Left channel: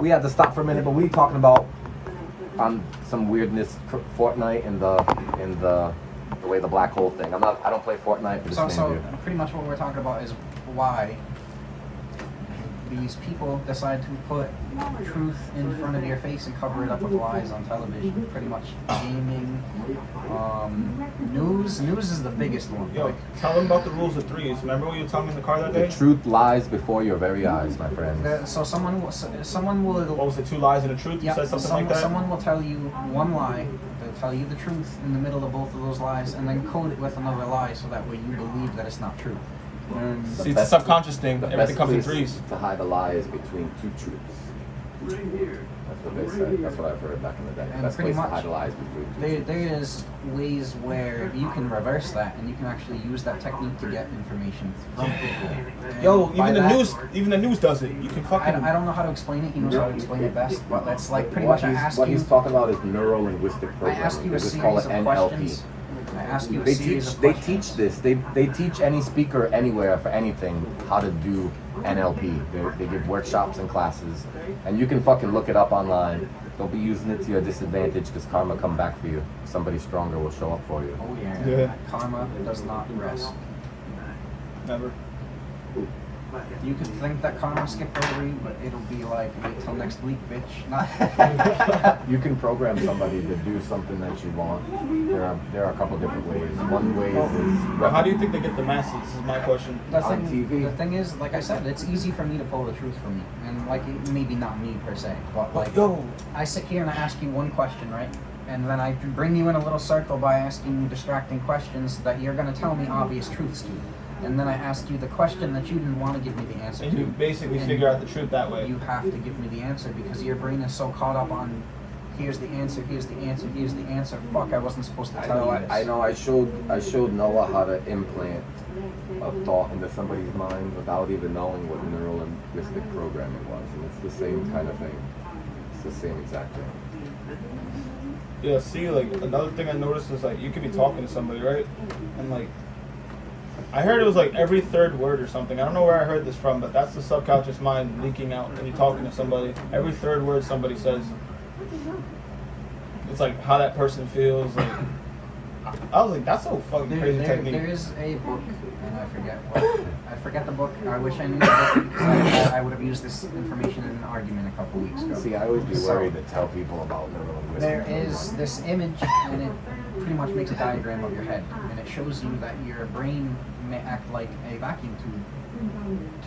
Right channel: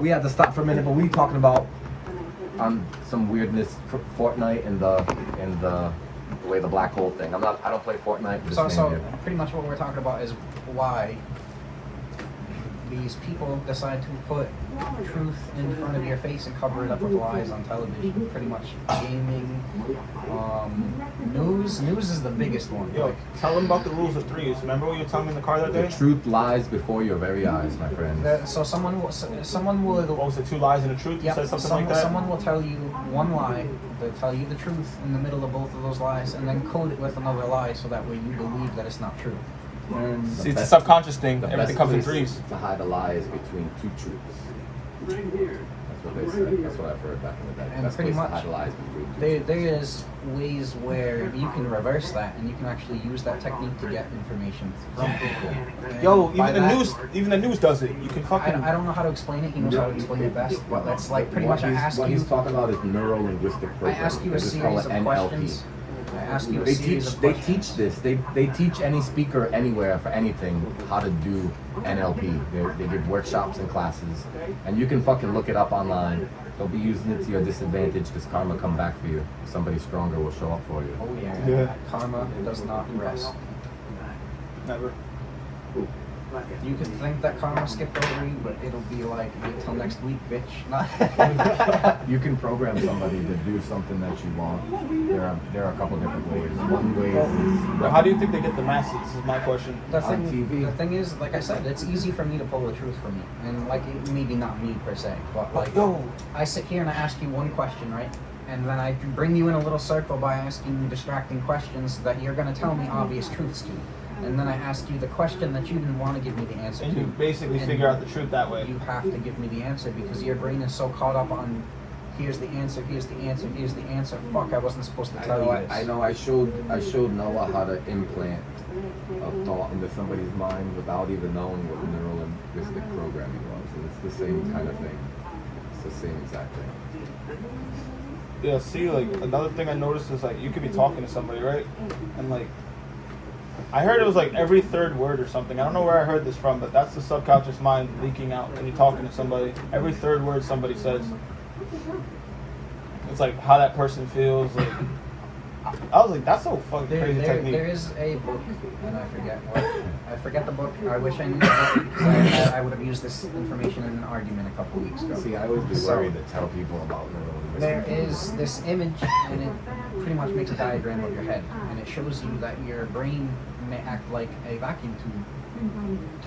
We had to stop for a minute, but we talking about some weirdness, Fortnite and the way the black hole thing. I don't play Fortnite. But So pretty much what we're talking about is why these people decide to put truth in front of your face and cover it up with lies on television. Pretty much gaming, news. News is the biggest one. Yo, tell them about the rules of threes. Remember what you were telling me in the car that day? The truth lies before your very eyes, my friend. So someone will. What was it, 2 lies and a truth? Yeah, You said something like that? someone will tell you one lie, they'll tell you the truth in the middle of both of those lies, and then code it with another lie so that way you believe that it's not true. And See, it's a subconscious thing. Everything comes in threes. To hide the lie is between two truths. That's what they said. That's what I've heard back in the day. And Best pretty place to much, hide the lies between two there is ways where you can reverse that, and you can actually use that technique to get information from people. And Yo, by even the news does it. You can fucking. I don't know how to explain it. He knows how to explain it best, but that's like pretty much I ask what you. he's talking about is neuro-linguistic I programming. ask you a They just call series it of NLP. questions. I ask you a They series teach. of They questions. teach this. They teach any speaker anywhere for anything how to do NLP. They give workshops and classes, and you can fucking look it up online. Don't be using it to your disadvantage because karma come back for you. Somebody stronger will show up for you. Oh yeah. Yeah. Karma does not rest. Never. You could think that karma skipped over you, but it'll be like, wait till next week, bitch. You can program somebody to do something that you want. There are a couple different ways. One way is Well, how do you think they get the masses? Is my question. The On thing, TV. the thing is, like I said, it's easy for me to pull the truth from you, and like maybe not me per se, but like Yo. I sit here and I ask you one question, right? And then I bring you in a little circle by asking you distracting questions that you're gonna tell me obvious truths to. And then I ask you the question that you didn't want to give me the answer And to. you basically And figure out the truth that way. You have to give me the answer because your brain is so caught up on here's the answer, here's the answer, here's the answer. Fuck, I wasn't supposed to tell you this. I know. I showed Noah how to implant a thought into somebody's mind without even knowing what neuro-linguistic programming was, and it's the same kind of thing. It's the same exact thing. Yeah, see, like, another thing I noticed is, like, you could be talking to somebody, right? And, like, I heard it was, like, every third word or something. I don't know where I heard this from, but that's the subconscious mind leaking out when you're talking to somebody. Every third word somebody says. It's, like, how that person feels. Like, I was like, that's so fucking crazy technique. There is a book, and I forget the book. I wish I knew the book because I would have used this information in an argument a couple weeks ago. See, I would be So- worried to tell people about neuro-linguistic. There is this image, and it pretty much makes a diagram of your head, and it shows you that your brain may act like a vacuum tube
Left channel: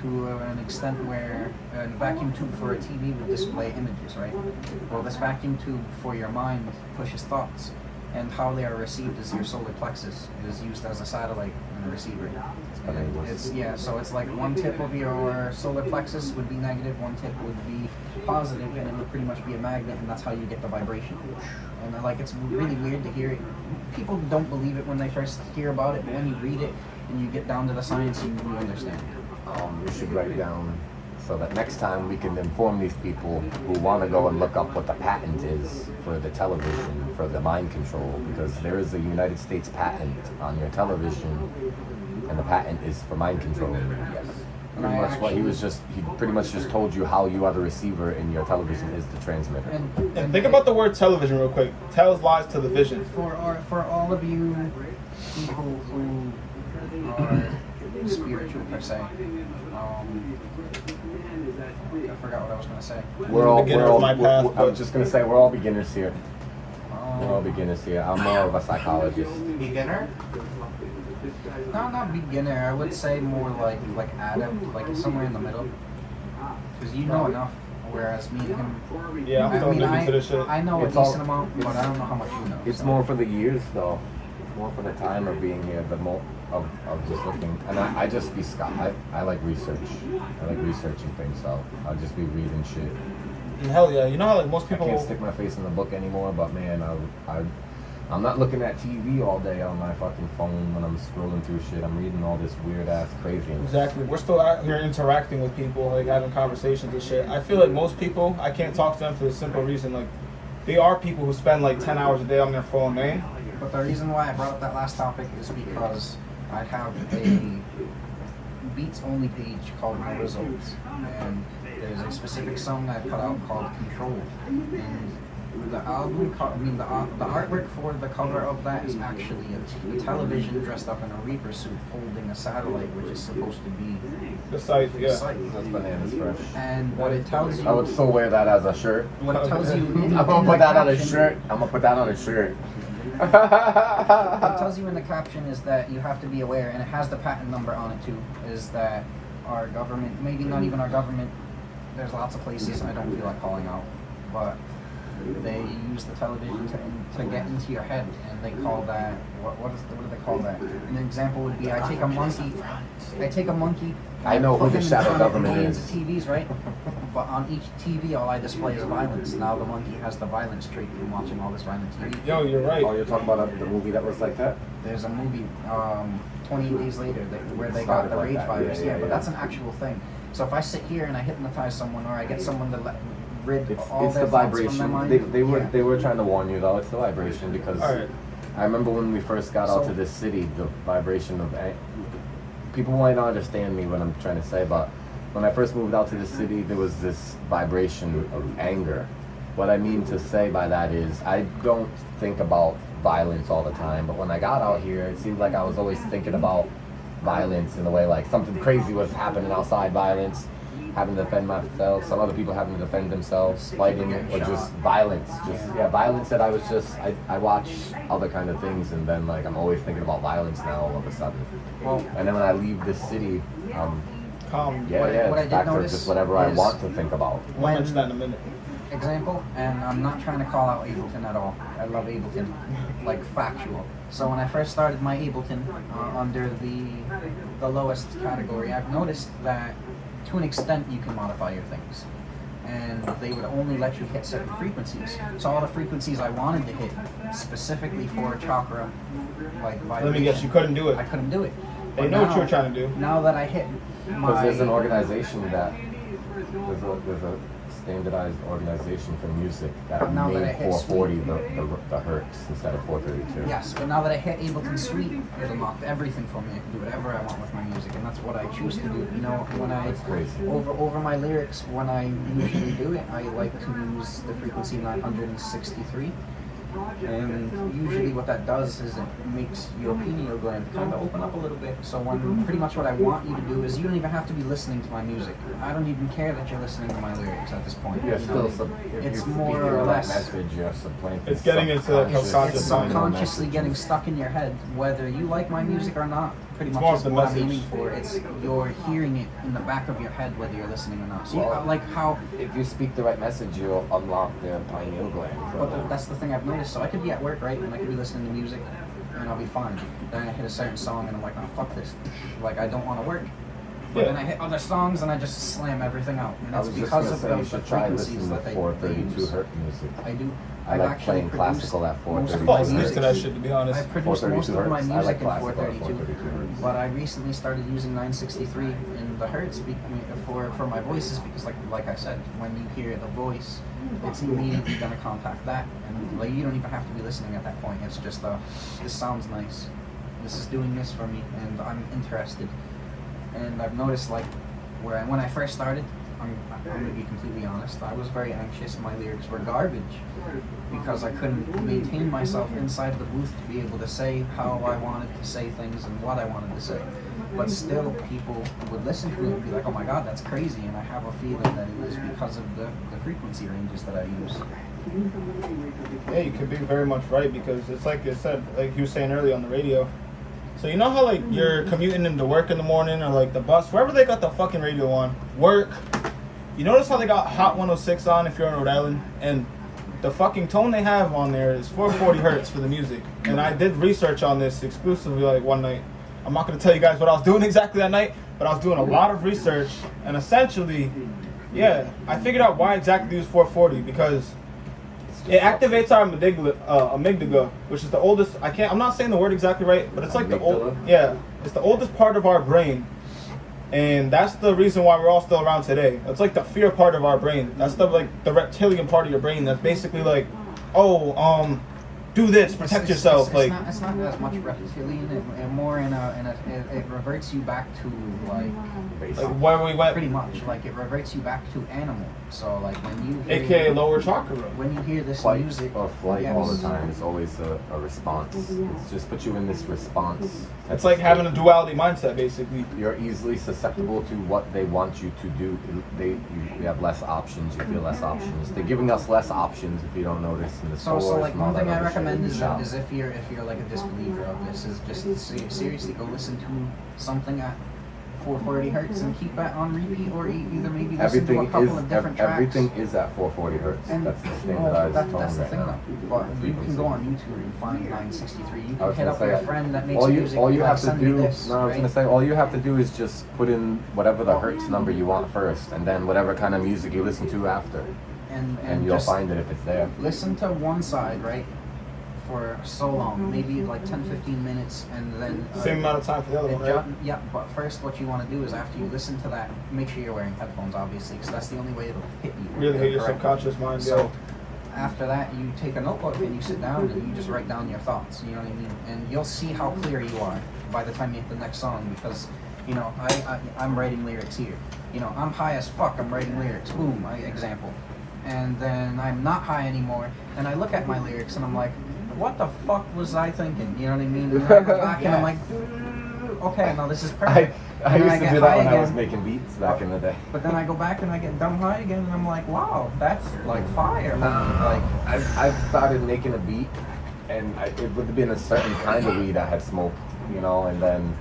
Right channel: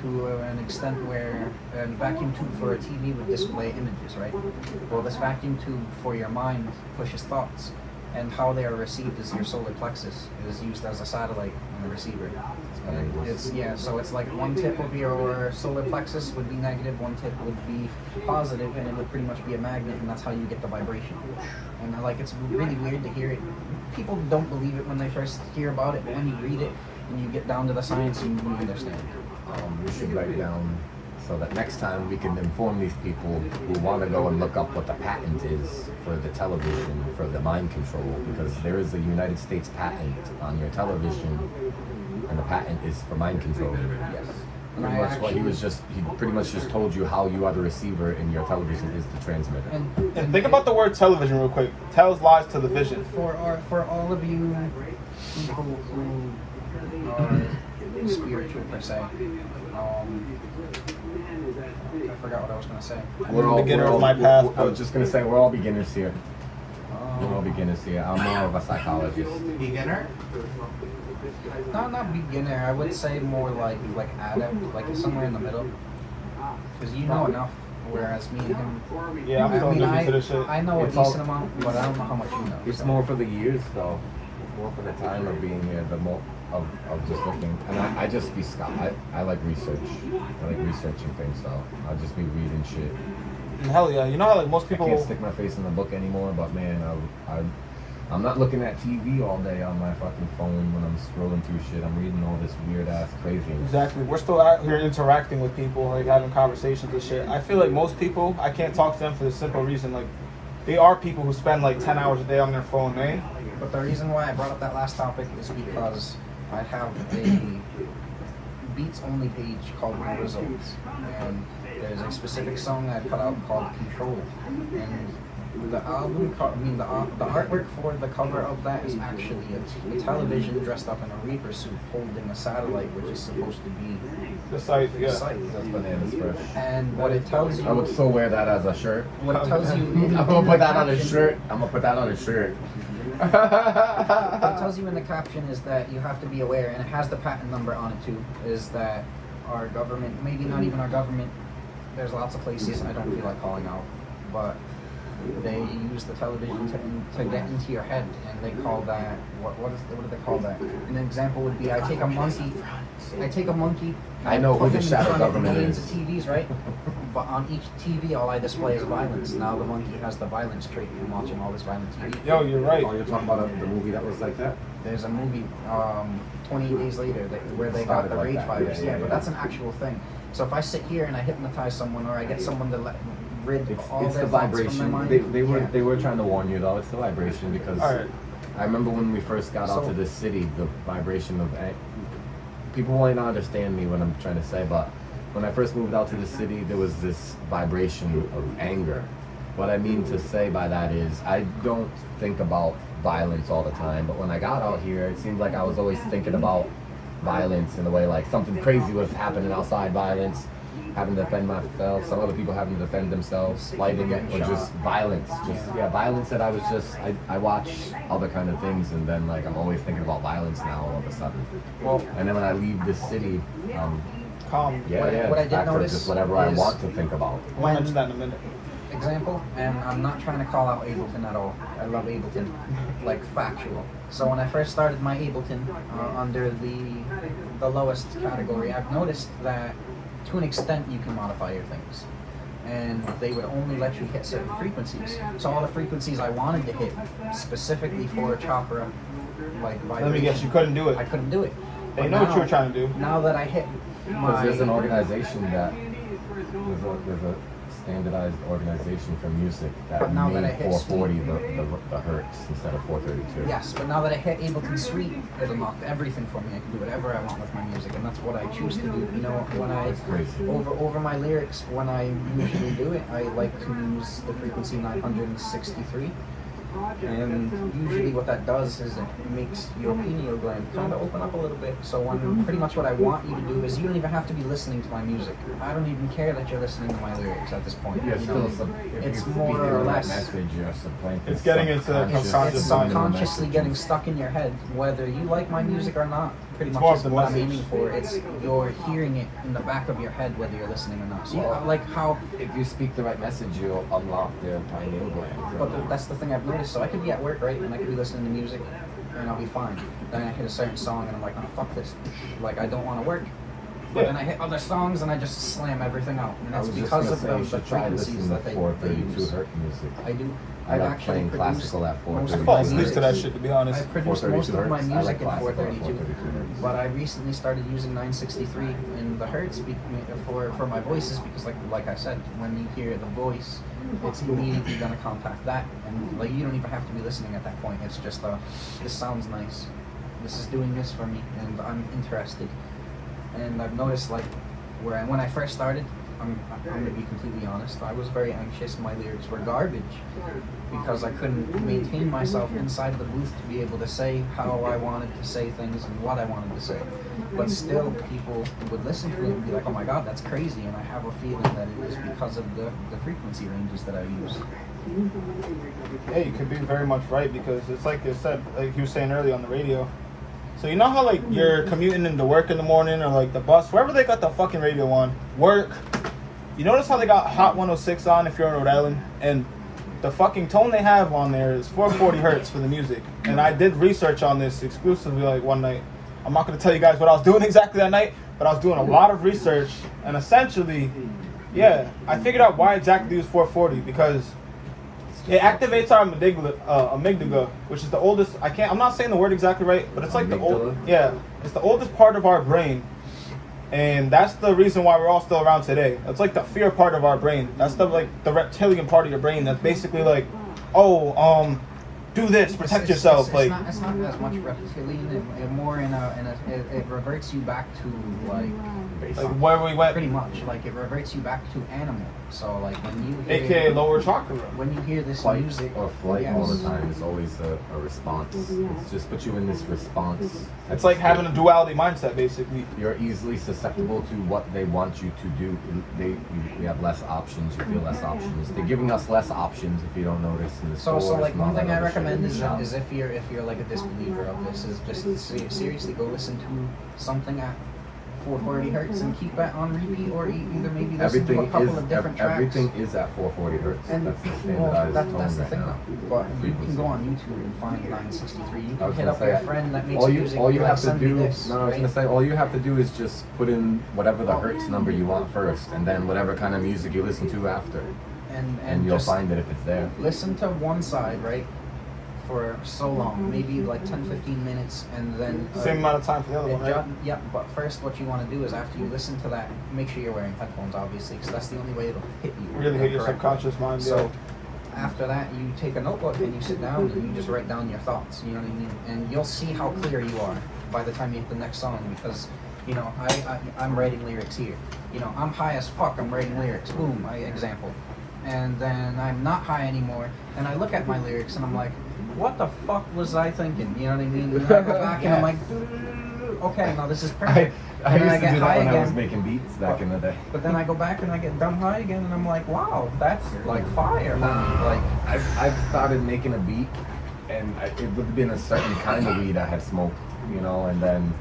to an extent where a vacuum tube for a TV would display images, right? Well, this vacuum tube for your mind pushes thoughts, and how they are received is your solar plexus. It is used as a satellite and a receiver. And so it's like one tip of your solar plexus would be negative, one tip would be positive, and it would pretty much be a magnet, and that's how you get the vibration. And like it's really weird to hear it. People don't believe it when they first hear about it, but when you read it and you get down to the science, you understand. We should write down so that next time we can inform these people who want to go and look up what the patent is for the television, for the mind control, because there is a United States patent on your television, and the patent is for mind control. Yes. And Pretty much what he pretty much just told you how you are the receiver and your television is to transmit. And think about the word television real quick. Tells lies to the vision. For all of you people who are spiritual per se, I forgot what I was gonna say. Beginner of my path, I was just gonna say we're all beginners here. We're all Um, beginners here. I'm more of a psychologist. Beginner? No, not beginner. I would say more like adept, like somewhere in the middle. Because you know enough, whereas me and him. Yeah, I'm I still mean, looking into this shit. I know a It's all- decent amount, but I don't know how much you know. It's so. more for the years though. It's more for the time of being here, the more of just looking. And I just be I like research. I like researching things, so I'll just be reading shit. And hell yeah, you know how like most people. I can't stick my face in the book anymore, but man, I'm not looking at TV all day on my fucking phone when I'm scrolling through shit. I'm reading all this weird ass crazy. Exactly. We're still out here interacting with people, like having conversations and shit. I feel like most people, I can't talk to them for the simple reason, like, they are people who spend like 10 hours a day on their phone, man. But the reason why I brought up that last topic is because I have a Beats only page called My Results, and there's a specific song I put out called Control, and the album, the artwork for the cover of that is actually a television dressed up in a Reaper suit holding a satellite, which is supposed to be The site, the yeah. site. That's bananas fresh. And what it tells you, I would so wear that as a shirt. what it tells you, I'm gonna put that on a shirt. I'm gonna put that on a shirt. What it tells you in the caption is that you have to be aware, and it has the patent number on it too, is that our government, maybe not even our government, there's lots of places I don't feel like calling out, but they use the television to get into your head, and they call that, what do they call that? An example would be, I take a monkey, I know put who him the in shadow front of government millions is. of TVs, right? But on each TV, all I display is violence. Now the monkey has the violence trait from watching all this violent TV. Yo, you're right. Oh, you're talking about the movie that was like that? There's a movie, 28 Days Later, where they got the rage virus. Yeah, but that's an actual thing. So if I sit here and I hypnotize someone, or I get someone to rid all It's their the thoughts from their vibration. mind, They were trying to warn you though. It's the vibration because Alright. I remember when we first got out So- to this city, the vibration of people might not understand me what I'm trying to say, but when I first moved out to the city, there was this vibration of anger. What I mean to say by that is I don't think about violence all the time, but when I got out here, it seemed like I was always thinking about violence in a way like something crazy was happening outside, violence, having to defend myself, some other people having to defend themselves, fighting, getting or shot. just violence. Violence that I watch other kind of things, and then like I'm always thinking about violence now all of a sudden. Well, And then when I leave the city, Calm. yeah, What I- yeah, what I it's did back to notice just whatever I is- want to think about. We'll mention that in a minute. example, and I'm not trying to call out Ableton at all. I love Ableton, like factual. So when I first started my Ableton under the lowest category, I've noticed that to an extent you can modify your things, and they would only let you hit certain frequencies. So all the frequencies I wanted to hit specifically for chakra, like vibration, Let me guess, you couldn't do it. I couldn't do it. They But know what now- you were trying to do. Now that I hit Because my there's an organization that there's a standardized organization for music that But now that I made hit 440 the hertz instead of 432. Yes, but now that I hit Ableton Suite, it unlocked everything for me. I can do whatever I want with my music, and that's what I choose to do. You know, when I That's crazy. over my lyrics, when I usually do it, I like to use the frequency 963. And usually what that does is it makes your pineal gland kind of open up a little bit. So when pretty much what I want you to do is you don't even have to be listening to my music. I don't even care that you're listening to my lyrics at this point. You're You know, if it's you more speak the or right less. message, you're supplanting It's getting into subconscious subconscious It's mind. subconsciously getting stuck in your head, whether you like my music or not. Pretty It's much more is of the what I'm message. aiming for. It's you're hearing it in the back of your head, whether you're listening or not. So yeah, Well, like how. If you speak the right message, you'll unlock their pineal gland. But that's the thing I've noticed. So I could be at work, right, and I could be listening to music, and I'll be fine. Then I hit a certain song, and I'm like, oh fuck this. Like I don't want to work. But Yeah. then I hit other songs, and I just slam everything out, and I it's was just because gonna of say you the should try frequencies listening that to they 432 use. hertz music. I do. I I've like actually playing produced classical at most 432. of Fall my asleep music. to that shit, to be honest. I produced most of 432 my hertz. I music like in classical at 432, 432 hertz. but I recently started using 963 in the hertz for my voices because, like I said, when you hear the voice, it's immediately gonna contact that, and like you don't even have to be listening at that point. It's just this sounds nice, this is doing this for me, and I'm interested. And I've noticed like when I first started, I'm going to be completely honest, I was very anxious. My lyrics were garbage because I couldn't maintain myself inside the booth to be able to say how I wanted to say things and what I wanted to say. But still, people would listen to it and be like, oh my god, that's crazy. And I have a feeling that it is because of the frequency ranges that I use. Yeah, you could be very much right because it's like you said, like you were saying earlier on the radio. So you know how like you're commuting into work in the morning or like the bus, wherever they got the fucking radio on, work. You notice how they got Hot 106 on if you're in Rhode Island, and the fucking tone they have on there is 440 hertz for the music. And I did research on this exclusively like one night. I'm not gonna tell you guys what I was doing exactly that night, but I was doing a lot of research, and essentially, yeah, I figured out why exactly they use 440 because it activates our amygdala, which is the oldest. I'm not saying the word exactly right, but it's like the old. Amygdala? Yeah, it's the oldest part of our brain, and that's the reason why we're all still around today. It's like the fear part of our brain. That's the reptilian part of your brain. That's basically like, do this, protect yourself. It's Like, not as much reptilian, and more it reverts you back to like where we went, pretty much like it reverts you back to animal. So like when you hear, aka lower chakra. when you hear this Fight music, or flight all the yes. time is always a response. It's just put you in this response. It's like having a duality mindset, basically. You're easily susceptible to what they want you to do. You have less options. You feel less options. They're giving us less options if you don't notice in the So stores like and all one thing that I other recommend shit. is if you're like a disbeliever of this, is just seriously go listen to something at 440 hertz and keep that on repeat, or either maybe listen to a couple of different tracks. Everything is at 440 hertz. And that's the well, standardized that's tone the right thing now. though. But you can go on YouTube and find 963. You I can was hit gonna up say, your friend that makes all music. you be like, have to send do. me this. No, I was right? gonna say all you have to do is just put in whatever the hertz number you want first, and then whatever kind of music you listen to after, and you'll just find it if it's there. listen to one side, right? For so long, maybe like 10-15 minutes, and then Same amount of time for the other one, right? yeah, but first what you want to do is after you listen to that, make sure you're wearing headphones, obviously, because that's the only way it'll hit you. Really hit your correctly. subconscious mind. So after that, you take a notebook and you sit down and you just write down your thoughts. You know what I mean? And you'll see how clear you are by the time you hit the next song, because you know I'm writing lyrics here. You know, I'm high as fuck. I'm writing lyrics. Boom, example. And then I'm not high anymore, and I look at my lyrics and I'm like, what the fuck was I thinking? You know what I mean? And I go back and I'm like, okay, now this is perfect. I And then used to get do that high when I was again. making beats back in the day. But then I go back and I get dumb high again, and I'm like, wow, that's like fire. Like, I've started making a beat, and it would have been a certain kind of weed I had smoked, you know, and then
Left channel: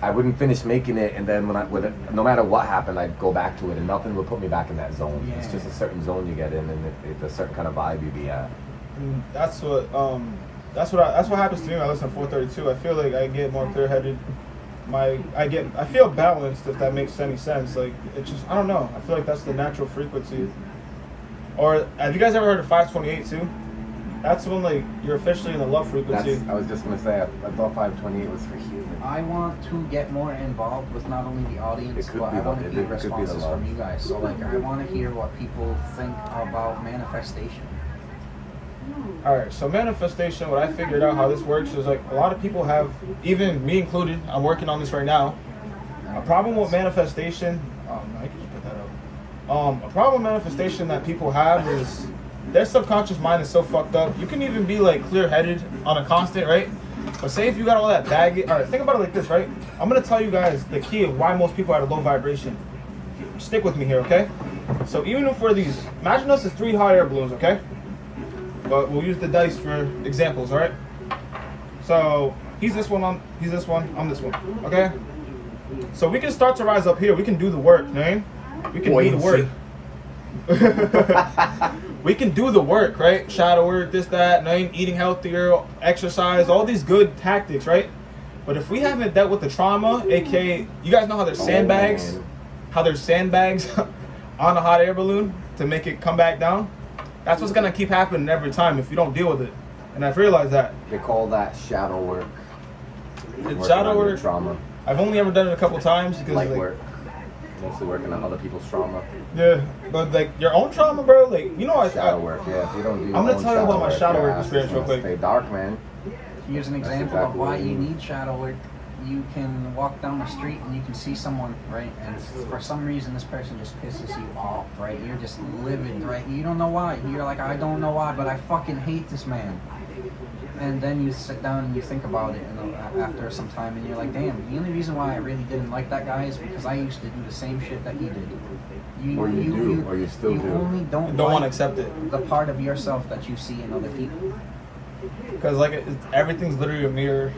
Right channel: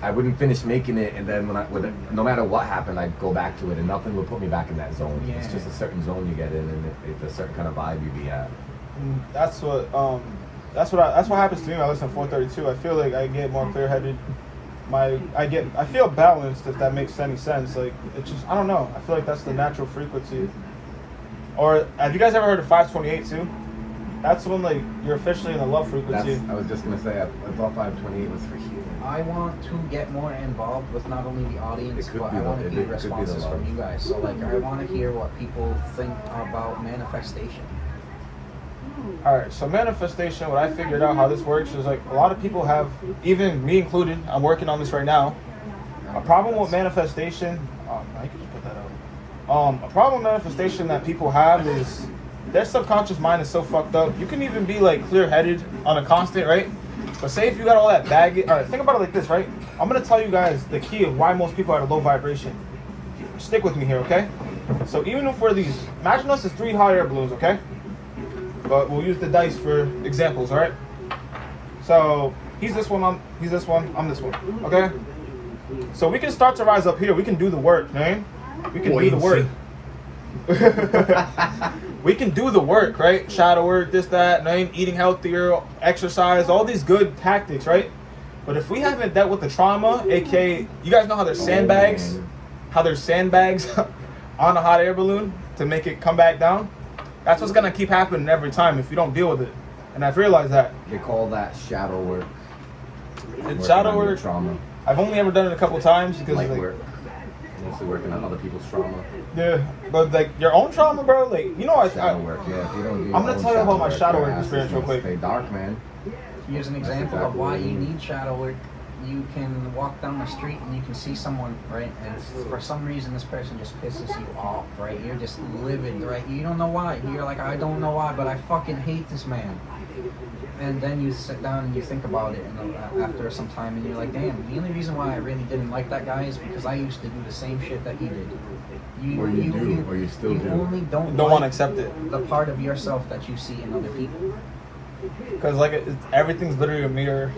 I wouldn't finish making it, and then no matter what happened, I'd go back to it, and nothing would put me back in that zone. It's just a certain zone you get in, and it's a certain kind of vibe you be at. And that's what happens to me when I listen to 432. I feel like I get more clear-headed. I feel balanced, if that makes any sense. Like, it just, I don't know. I feel like that's the natural frequency. Or have you guys ever heard of 528 too? That's when like you're officially in the love frequency. I was just gonna say, I thought 528 was for healing. I want to get more involved with not only the audience, It could but be I want the- to it hear could be the responses love. from you guys. So like, I want to hear what people think about manifestation. Alright, so manifestation, what I figured out how this works is like a lot of people have, even me included, I'm working on this right now. A problem with manifestation, I can put that out. A problem with manifestation that people have is their subconscious mind is so fucked up. You can even be like clear-headed on a constant, right? But say if you got all that baggage, alright, think about it like this, right? I'm gonna tell you guys the key of why most people are at a low vibration. Stick with me here, okay? So even if we're these, imagine us as 3 hot air balloons, okay? But we'll use the dice for examples, all right? So he's this one, I'm this one, I'm this one, okay? So we can start to rise up here. We can do the work, man. We can do the work. We can do the work, right? Shadow work, this, that, name, eating healthier, exercise, all these good tactics, right? But if we haven't dealt with the trauma, aka, you guys know how there's sandbags, on a hot air balloon to make it come back down? That's what's gonna keep happening every time if you don't deal with it. And I've realized that. They call that shadow work. It's shadow work. Trauma. I've only ever done it a couple times because Light like, work. Mostly working on other people's trauma. yeah, but like your own trauma, bro. Like you know, Shadow work, yeah. If you don't do your I'm gonna own tell you about my work, shadow your work ass is experience real gonna quick. Stay dark, man. Here's an example of why you need shadow work. You can walk down the street and you can see someone, right? And for some reason, this person just pisses you off, right? You're just livid, right? You don't know why. You're like, I don't know why, but I fucking hate this man. And then you sit down and you think about it, and after some time, and you're like, damn. The only reason why I really didn't like that guy is because I used to do the same shit that he did. Or you still you do. only don't want to like accept it the part of yourself that you see in other people. because like everything's literally a mirror.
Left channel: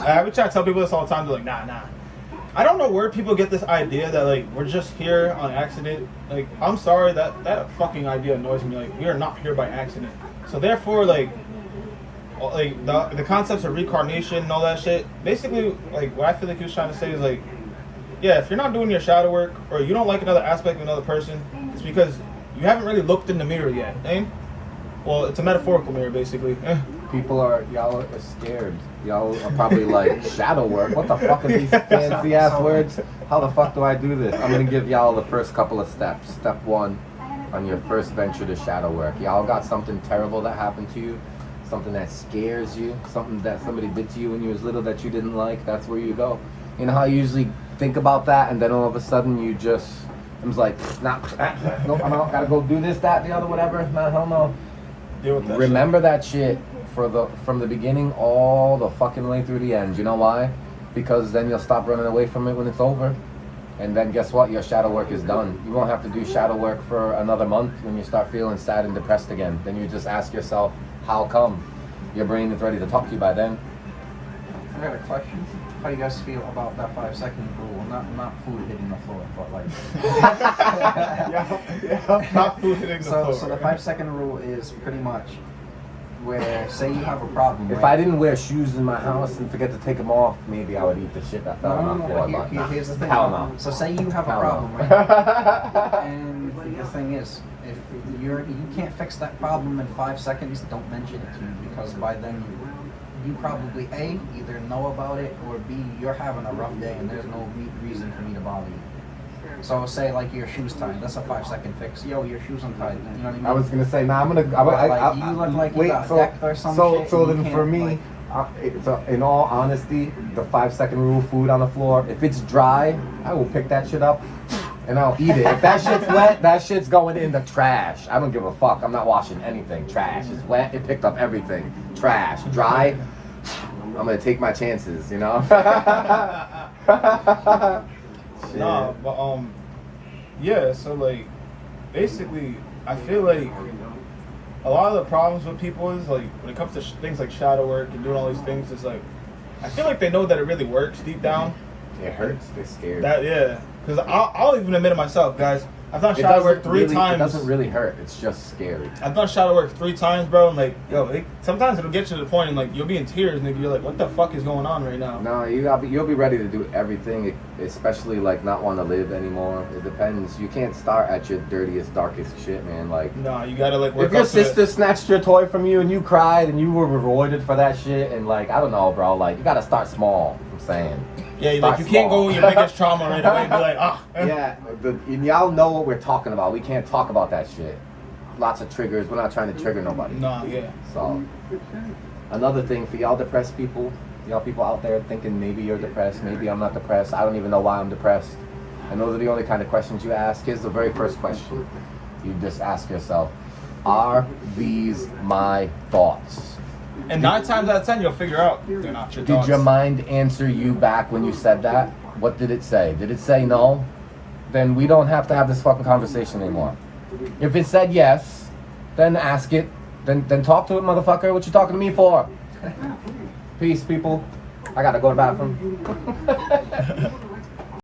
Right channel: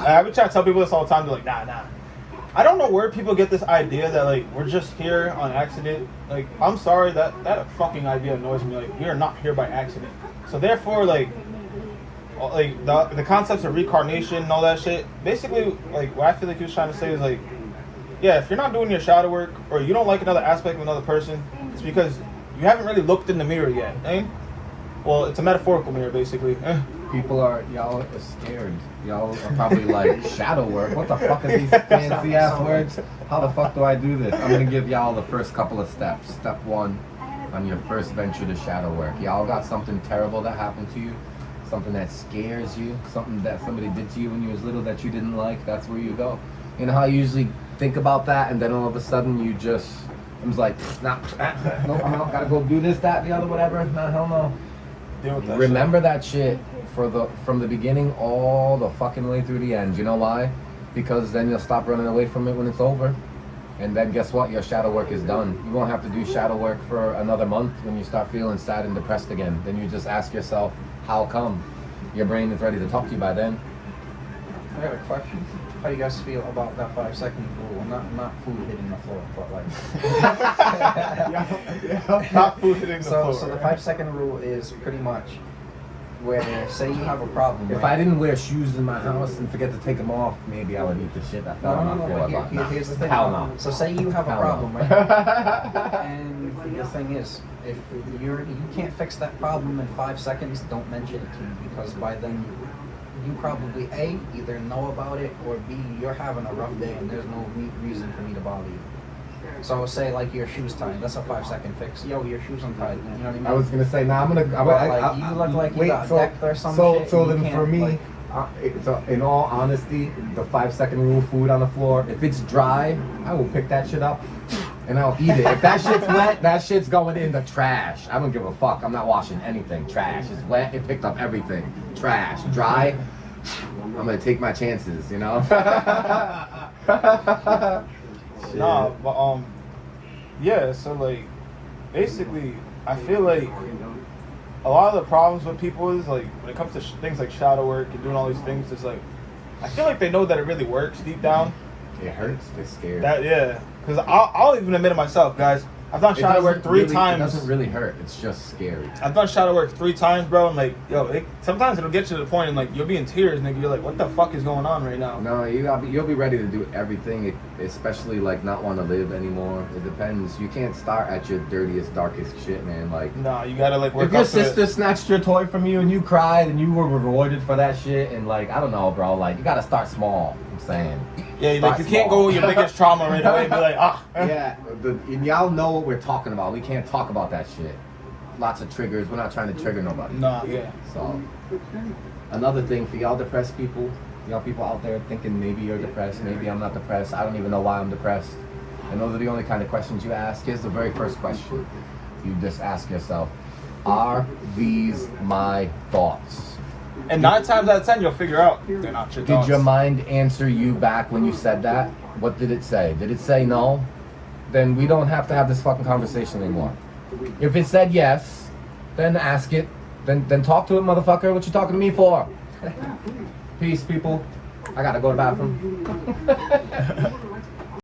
I would try to tell people this all the time. They're like, nah. I don't know where people get this idea that like we're just here on accident. Like I'm sorry that fucking idea annoys me. Like we are not here by accident. So therefore like the concepts of reincarnation and all that shit. Basically like what I feel like he was trying to say is like, yeah, if you're not doing your shadow work or you don't like another aspect of another person, it's because you haven't really looked in the mirror yet, eh? Well, it's a metaphorical mirror basically. Y'all are scared. Y'all are probably like, shadow work? What the fuck are these fancy ass words? How the fuck do I do this? I'm gonna give y'all the first couple of steps. Step 1 on your first venture to shadow work. Y'all got something terrible that happened to you. something that scares you, something that somebody did to you when you was little that you didn't like, that's where you go. You know how I usually think about that, and then all of a sudden you just, I was like, nah, nope, I'm out, gotta go do this, that, and the other, whatever. Nah, hell no. Deal with that Remember that shit from the beginning all the fucking way through the end. You know why? Because then you'll stop running away from it when it's over. And then guess what? Your shadow work is done. You won't have to do shadow work for another month when you start feeling sad and depressed again. Then you just ask yourself, how come? Your brain is ready to talk to you by then. I got a question. How you guys feel about that 5-second rule? Not food hitting the floor, but like. yeah, not food hitting the floor. So the 5-second rule is pretty much where, say you have a problem. If right? I didn't wear shoes in my house and forget to take them off, maybe I would eat the shit that fell on my floor. But here's the thing. Hell no. So say you have a Hell problem, no. right? And the thing is, if you can't fix that problem in 5 seconds, don't mention it to you, because by then you probably A, either know about it, or B, you're having a rough day and there's no reason for me to bother you. So say like your shoes tied, that's a 5-second fix. Yo, your shoes untied. You know what I mean? I was gonna say, nah, You look like you got decked or some shit. So and you then for can't, me, in all honesty, the 5-second rule, food on the floor, if it's dry, I will pick that shit up and I'll eat it. If that shit's wet, that shit's going in the trash. I don't give a fuck. I'm not washing anything. Trash. It's wet, it picked up everything. Trash. Dry, I'm gonna take my chances, you know? No, but yeah. So like, basically, I feel like a lot of the problems with people is like when it comes to things like shadow work and doing all these things, it's like I feel like they know that it really works deep down. It hurts. They're scared. That yeah, because I'll even admit it myself, guys. I've done shadow work three times. It doesn't really hurt. It's just scary. I've done shadow work 3 times, bro, and like, yo, sometimes it'll get you to the point and like you'll be in tears, nigga. You're like, what the fuck is going on right now? No, you'll be ready to do everything, especially like not want to live anymore. It depends. You can't start at your dirtiest, darkest shit, man. Like, No, you gotta like work if your up to it. sister snatched your toy from you and you cried and you were rewarded for that shit, and like, I don't know, bro. Like, you gotta start small. I'm saying. Yeah, like you can't go with your biggest trauma right away and be like, ah. Yeah, and y'all know what we're talking about. We can't talk about that shit. Lots of triggers. We're not trying to trigger nobody. Nah, yeah. So, another thing for y'all depressed people, y'all people out there thinking maybe you're depressed, maybe I'm not depressed, I don't even know why I'm depressed. And those are the only kind of questions you ask. Here's the very first question. You just ask yourself, are these my thoughts? And 9 times out of 10, you'll figure out they're not your Did thoughts. your mind answer you back when you said that? What did it say? Did it say no? Then we don't have to have this fucking conversation anymore. If it said yes, then ask it. Then talk to it, motherfucker. What you talking to me for? Peace, people. I gotta go to the bathroom.